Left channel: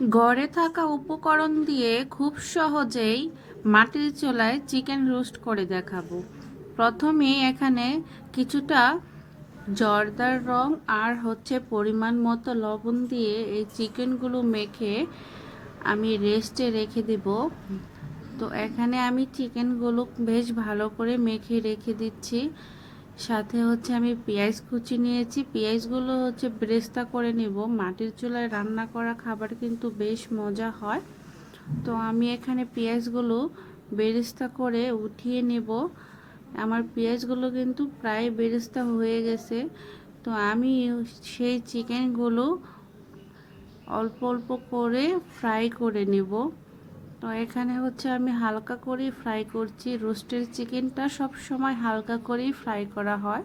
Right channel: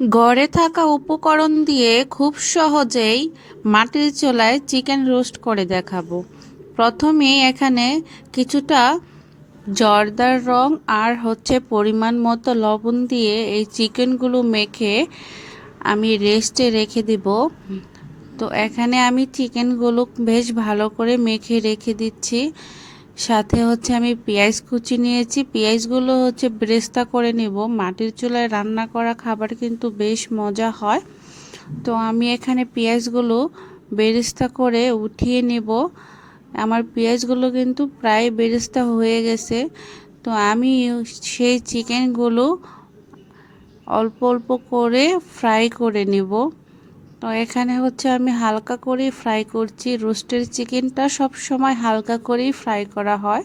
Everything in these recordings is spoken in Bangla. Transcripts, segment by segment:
ঘরে থাকা উপকরণ দিয়ে খুব সহজেই মাটির চুলায় চিকেন রোস্ট করে দেখাবো। প্রথমে এখানে কিছুটা জর্দার রং আর পরিমাণ মতো লবণ দিয়ে এই চিকেনগুলো মেখে আমি রেস্টে রেখে দিব। তো এখানে আমি চিকেনগুলো বেশ ভালো করে মেখে রেখে দিচ্ছি। সাথে আমি পেঁয়াজ কুচি নিয়েছি, পেঁয়াজগুলো বেরেস্তা করে নেব। মাটির চুলায় রান্না করা খাবার কিন্তু বেশ মজা হয়। তো আমি এখানে পেঁয়াজগুলো বেরেস্তা করে উঠিয়ে নেব। আমার পেঁয়াজগুলো কিন্তু প্রায় বেরেস্তা হয়ে গেছে। তো আমি সেই চিকেনগুলো অল্প অল্প করে ফ্রাই করে নেব। তো এখানে আমি হালকা করে ফ্রাই করছি। রোস্টের চিকেনটা সব সময় হালকা করেই ফ্রাই করা হয়।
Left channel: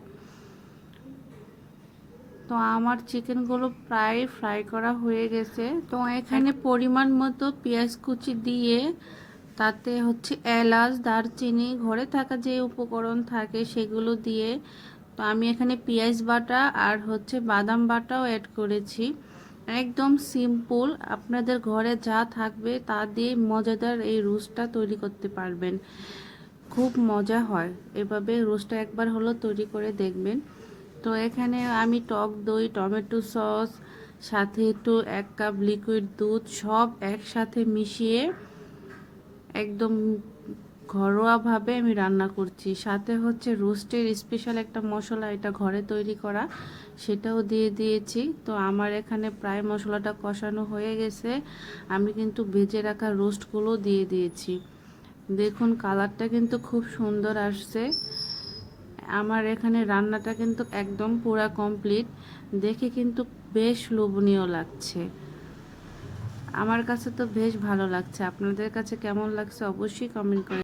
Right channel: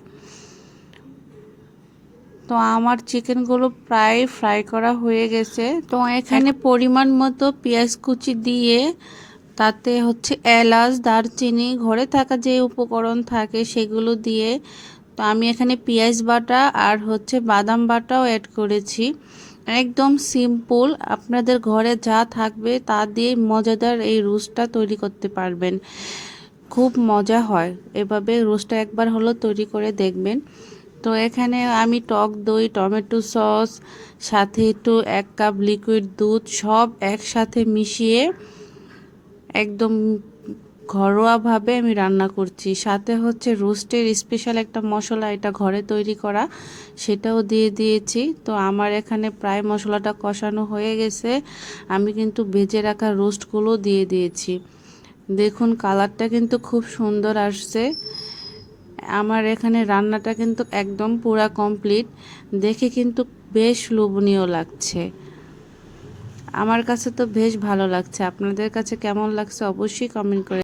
তো আমার চিকেনগুলো প্রায় ফ্রাই করা হয়ে গেছে। তো এখানে পরিমাণ মতো পেঁয়াজ কুচি দিয়ে তাতে এলাচ, দারচিনি, ঘরে থাকা যে উপকরণ থাকে সেগুলো দিয়ে, তো আমি এখানে পেঁয়াজ বাটা আর বাদাম বাটাও অ্যাড করেছি। একদম সিম্পল, আপনাদের ঘরে যা থাকবে তা দিয়ে মজাদার এই রোস্টটা তৈরি করতে পারবেন। খুব মজা হয়, এভাবে রোস্টটা একবার হলো তৈরি করে দেখবেন। তো এখানে আমি টক দই, টমেটো সস, সাথে একটু 1 কাপ লিকুইড দুধ সব একসাথে মিশিয়ে একদম ঘরোয়াভাবে আমি রান্না করছি। সাথে রোস্টের স্পেশাল একটা মশলা, এটা ঘরে তৈরি করা, সেটাও দিয়ে দিয়েছি। তো আমার এখানে প্রায় মশলাটা কষানো হয়ে গেছে। আমি কিন্তু ভেজে রাখা রোস্টগুলো দিয়ে দিয়েছি। দেখুন কালারটা কিন্তু খুব সুন্দর আসছে। আমার এখানে রান্নাটা কিন্তু একদম পুরা কমপ্লিট। দেখে কিন্তু বেশ লোভনীয় লাগছে। আমার কাছে তো বেশ ভালো লাগছে। আপনাদের কাছে কেমন লাগছে অবশ্যই কমেন্ট করে